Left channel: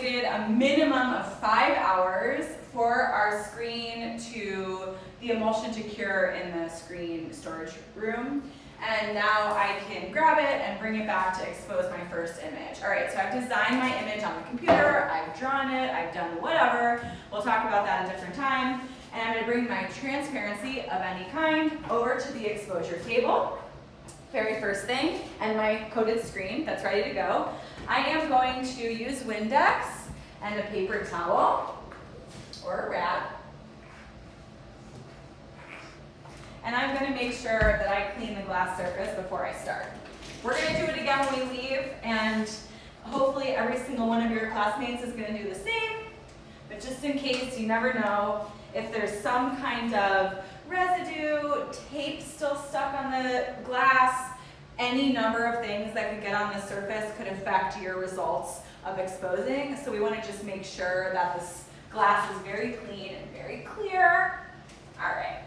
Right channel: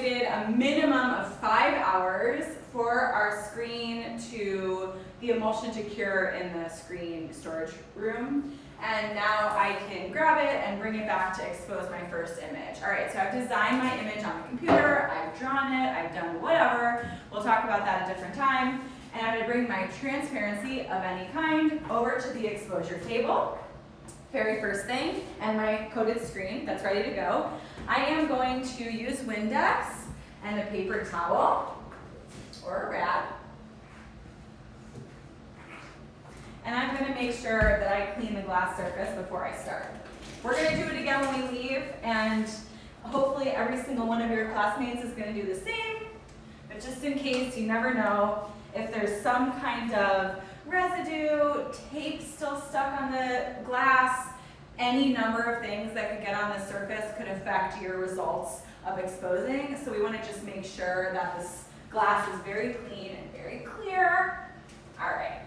waited a minimum of 5 hours for our screen the emulsion to cure in the screen storage room. And now I can grab it and bring it back to expose my first image. All right, so I've designed my image on the computer, I've drawn it, I've done whatever. We'll talk about that at a different time. And I'm gonna bring my transparency of any kind over to the exposure table. Very first thing, and my coated screen that's ready to go. I am going to use Windex and a paper towel, or a rat. And I'm going to make sure that I clean the glass surface before I start. We're going to do it again when we leave, and hopefully every single one of your classmates is going to do the same. But just in case, you never know, if there's some kind of residue, tape still stuck on the glass, any number of things that could get on the surface could affect your results of exposing. So we want to just make sure that this glass is very clean and very clear. All right.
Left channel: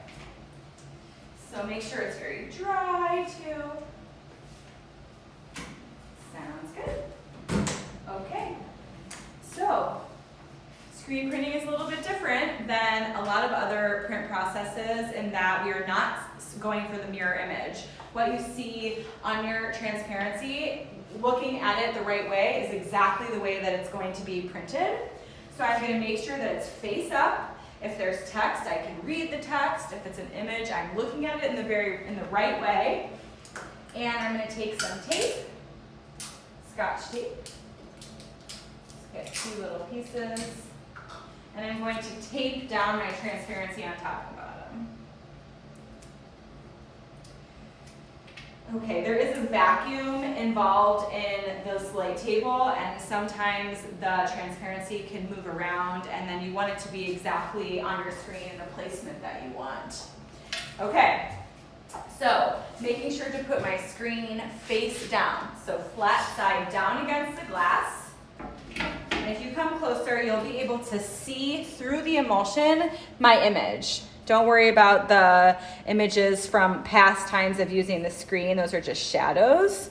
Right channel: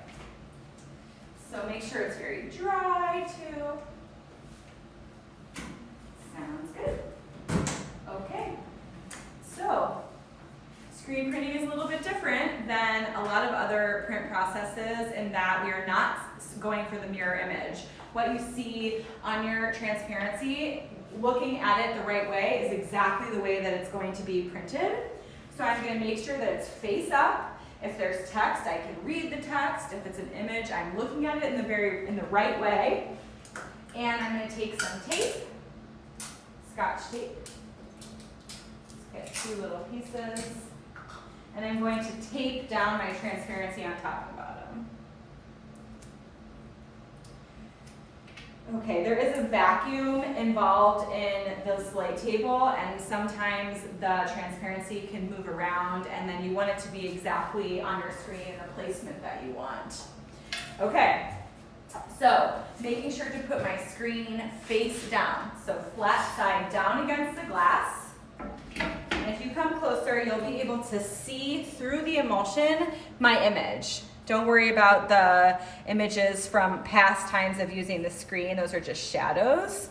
So make sure it's very dry too. Sounds good. Okay. So screen printing is a little bit different than a lot of other print processes in that we are not going for the mirror image. What you see on your transparency, looking at it the right way, is exactly the way that it's going to be printed. So I'm going to make sure that it's face up. If there's text, I can read the text. If it's an image, I'm looking at it in the right way. And I'm going to take some tape, Scotch tape. Get 2 little pieces. And I'm going to tape down my transparency on top and bottom. Okay, there is a vacuum involved in this light table, and sometimes the transparency can move around, and then you want it to be exactly on your screen in the placement that you want. Okay, so making sure to put my screen face down, so flat side down against the glass. And if you come closer, you'll be able to see through the emulsion my image. Don't worry about the images from past times of using the screen. Those are just shadows.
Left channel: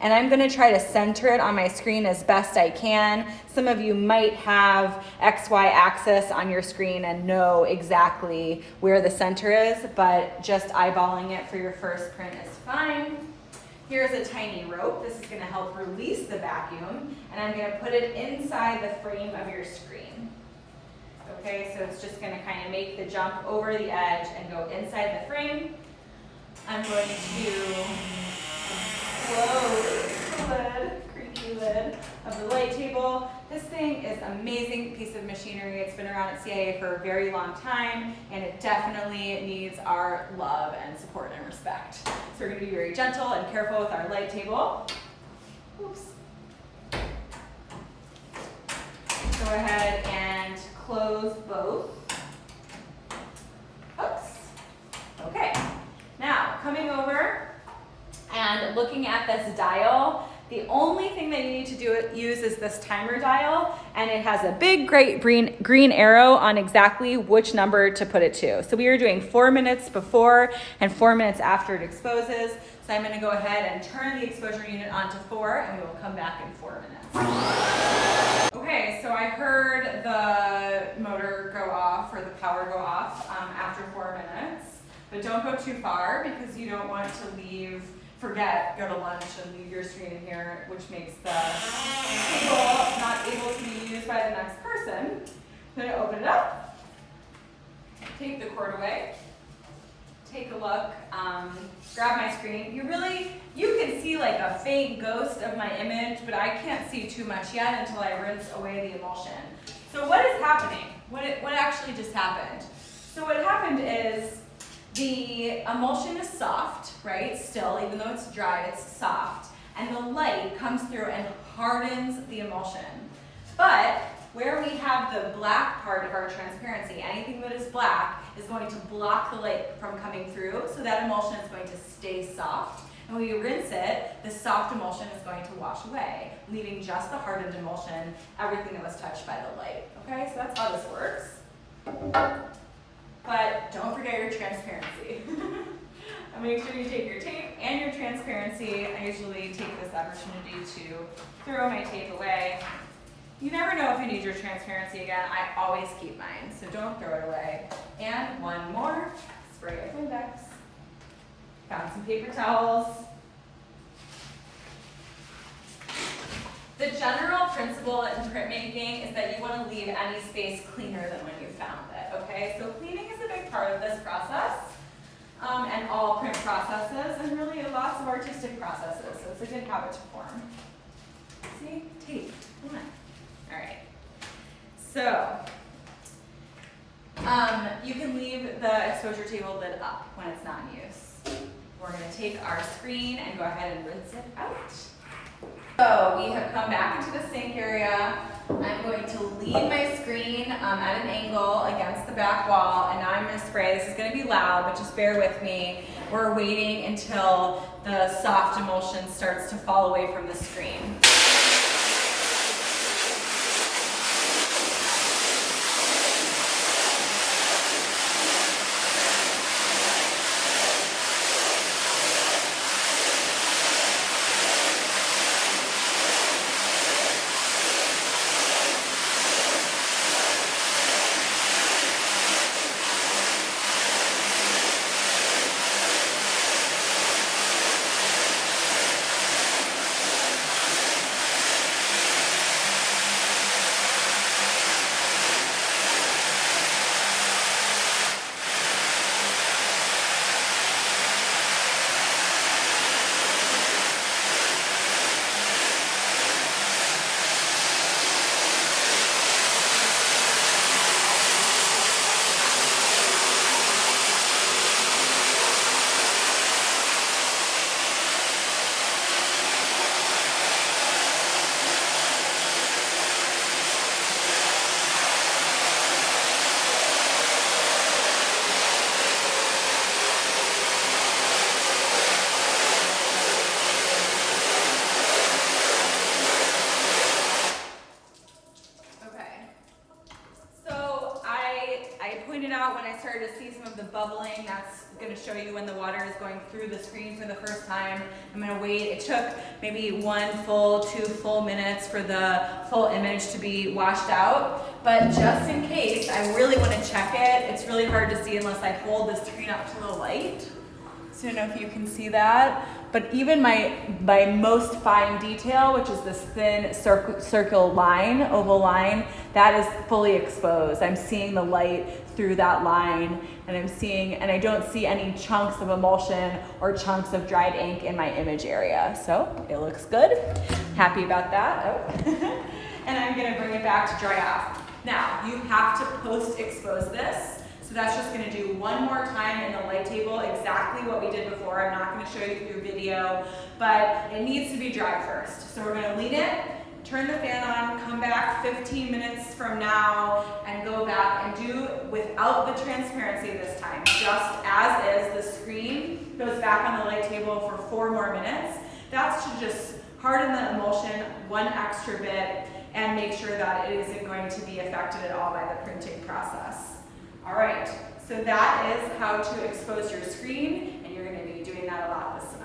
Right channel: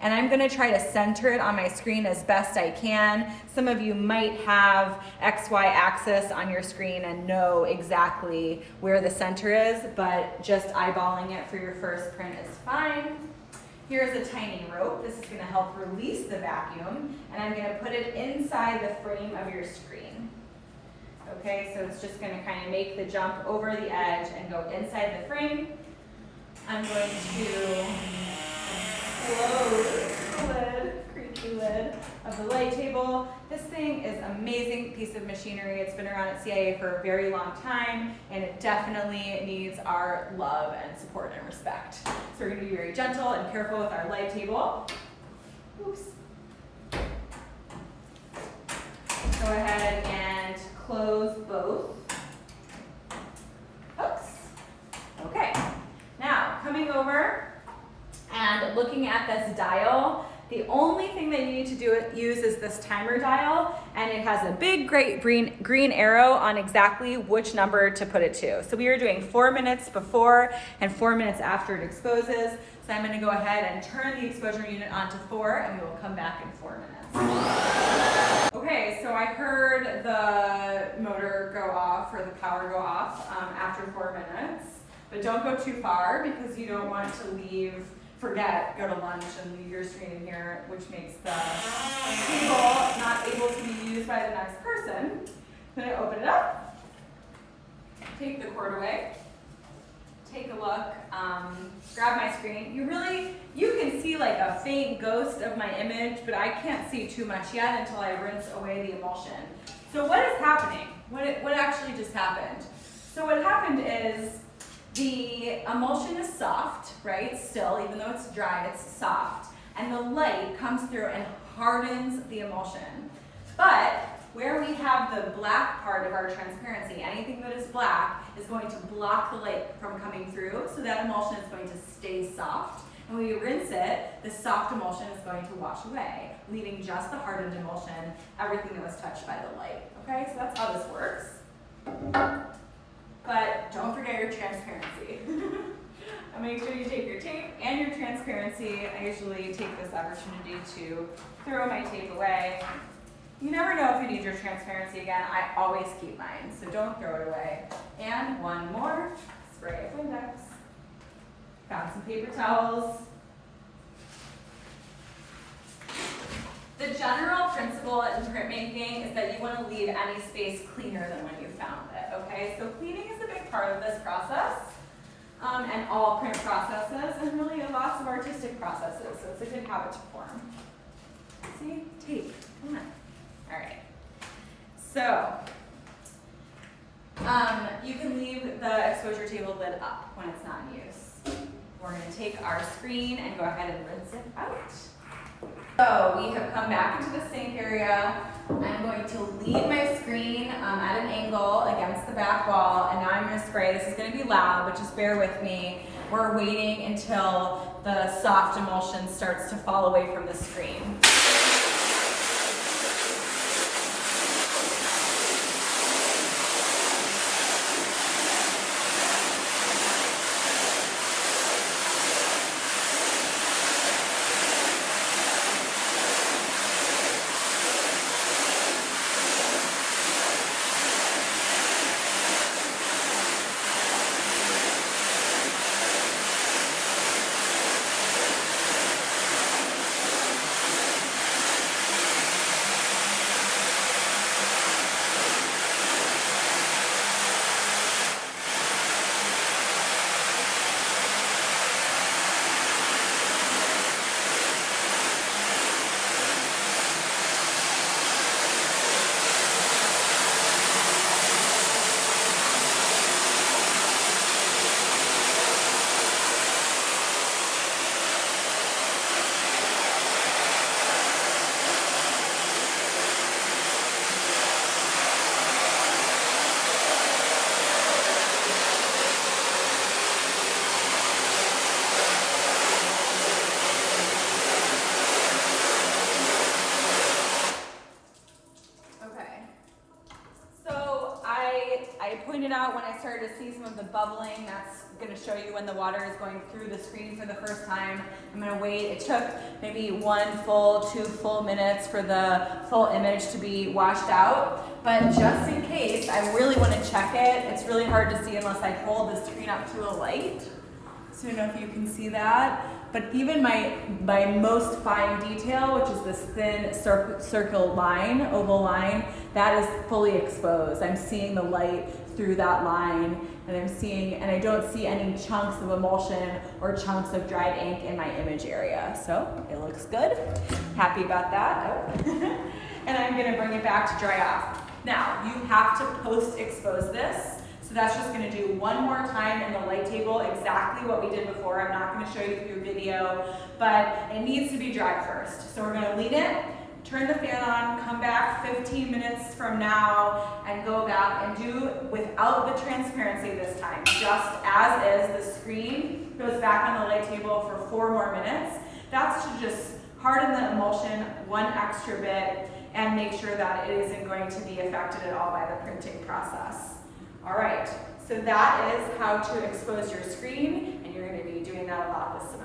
And I'm going to try to center it on my screen as best I can. Some of you might have XY axis on your screen and know exactly where the center is, but just eyeballing it for your first print is fine. Here's a tiny rope. This is going to help release the vacuum, and I'm going to put it inside the frame of your screen. Okay, so it's just going to kind of make the jump over the edge and go inside the frame. I'm going to close the lid, creaky lid of the light table. This thing is an amazing piece of machinery. It's been around at CIA for a very long time, and it definitely needs our love and support and respect. So we're going to be very gentle and careful with our light table. Oops. Go ahead and close both hooks. Okay, now coming over and looking at this dial, the only thing that you need to use is this timer dial, and it has a big great green arrow on exactly which number to put it to. So we are doing 4 minutes before and 4 minutes after it exposes. So I'm going to go ahead and turn the exposure unit on to 4, and we will come back in 4 minutes. Okay, so I heard the motor go off, or the power go off after 4 minutes, but don't go too far because you don't want to go to lunch and leave your screen in here, which makes the table not able to be used by the next person. I'm going to open it up, take the cord away, take a look, grab my screen. You can see like a faint ghost of my image, but I can't see too much yet until I rinse away the emulsion. So what is happening? What actually just happened? So what happened is the emulsion is soft, right? Still, even though it's dry, it's soft. And the light comes through and hardens the emulsion. But where we have the black part of our transparency, anything that is black is going to block the light from coming through, so that emulsion is going to stay soft. And when we rinse it, the soft emulsion is going to wash away, leaving just the hardened emulsion, everything that was touched by the light. Okay, so that's how this works. But don't forget your transparency. And make sure you take your tape and your transparency. I usually take this opportunity to throw my tape away You never know if you need your transparency again. I always keep mine, so don't throw it away. And one more, spray of Windex. Got some paper towels. The general principle in printmaking is that you want to leave any space cleaner than when you found it, okay? So cleaning is a big part of this process, and all print processes, and really lots of artistic processes, so it's a good habit to form. See? Tape. Come on. All right. So, you can leave the exposure table lid up when it's not in use. We're going to take our screen and go ahead and rinse it out. So we have come back into the sink area. I'm going to lean my screen at an angle against the back wall, and now I'm going to spray. This is going to be loud, but just bear with me. We're waiting until the soft emulsion starts to fall away from the screen. When I started to see some of the bubbling, that's going to show you when the water is going through the screen for the first time. I'm going to wait. It took maybe 1 full, 2 full minutes for the full image to be washed out. But just in case, I really want to check it. It's really hard to see unless I hold the screen up to the light. So I don't know if you can see that. But even my most fine detail, which is this thin circle line, oval line, that is fully exposed. I'm seeing the light through that line, and I don't see any chunks of emulsion or chunks of dried ink in my image area. So it looks good. Happy about that. And I'm gonna bring it back to dry off. Now, you have to post-expose this. So that's just gonna do one more time in the light table, exactly what we did before. I'm not gonna show you through video, but it needs to be dry first. So we're gonna lean it, turn the fan on, come back 15 minutes from now, and go back and do without the transparency this time. Just as is, the screen goes back on the light table for 4 more minutes. That's to just harden the emulsion 1 extra bit and make sure that it isn't going to be affected at all by the printing process. All right, so that is how to expose your screen, and you're going to be doing that a lot this summer.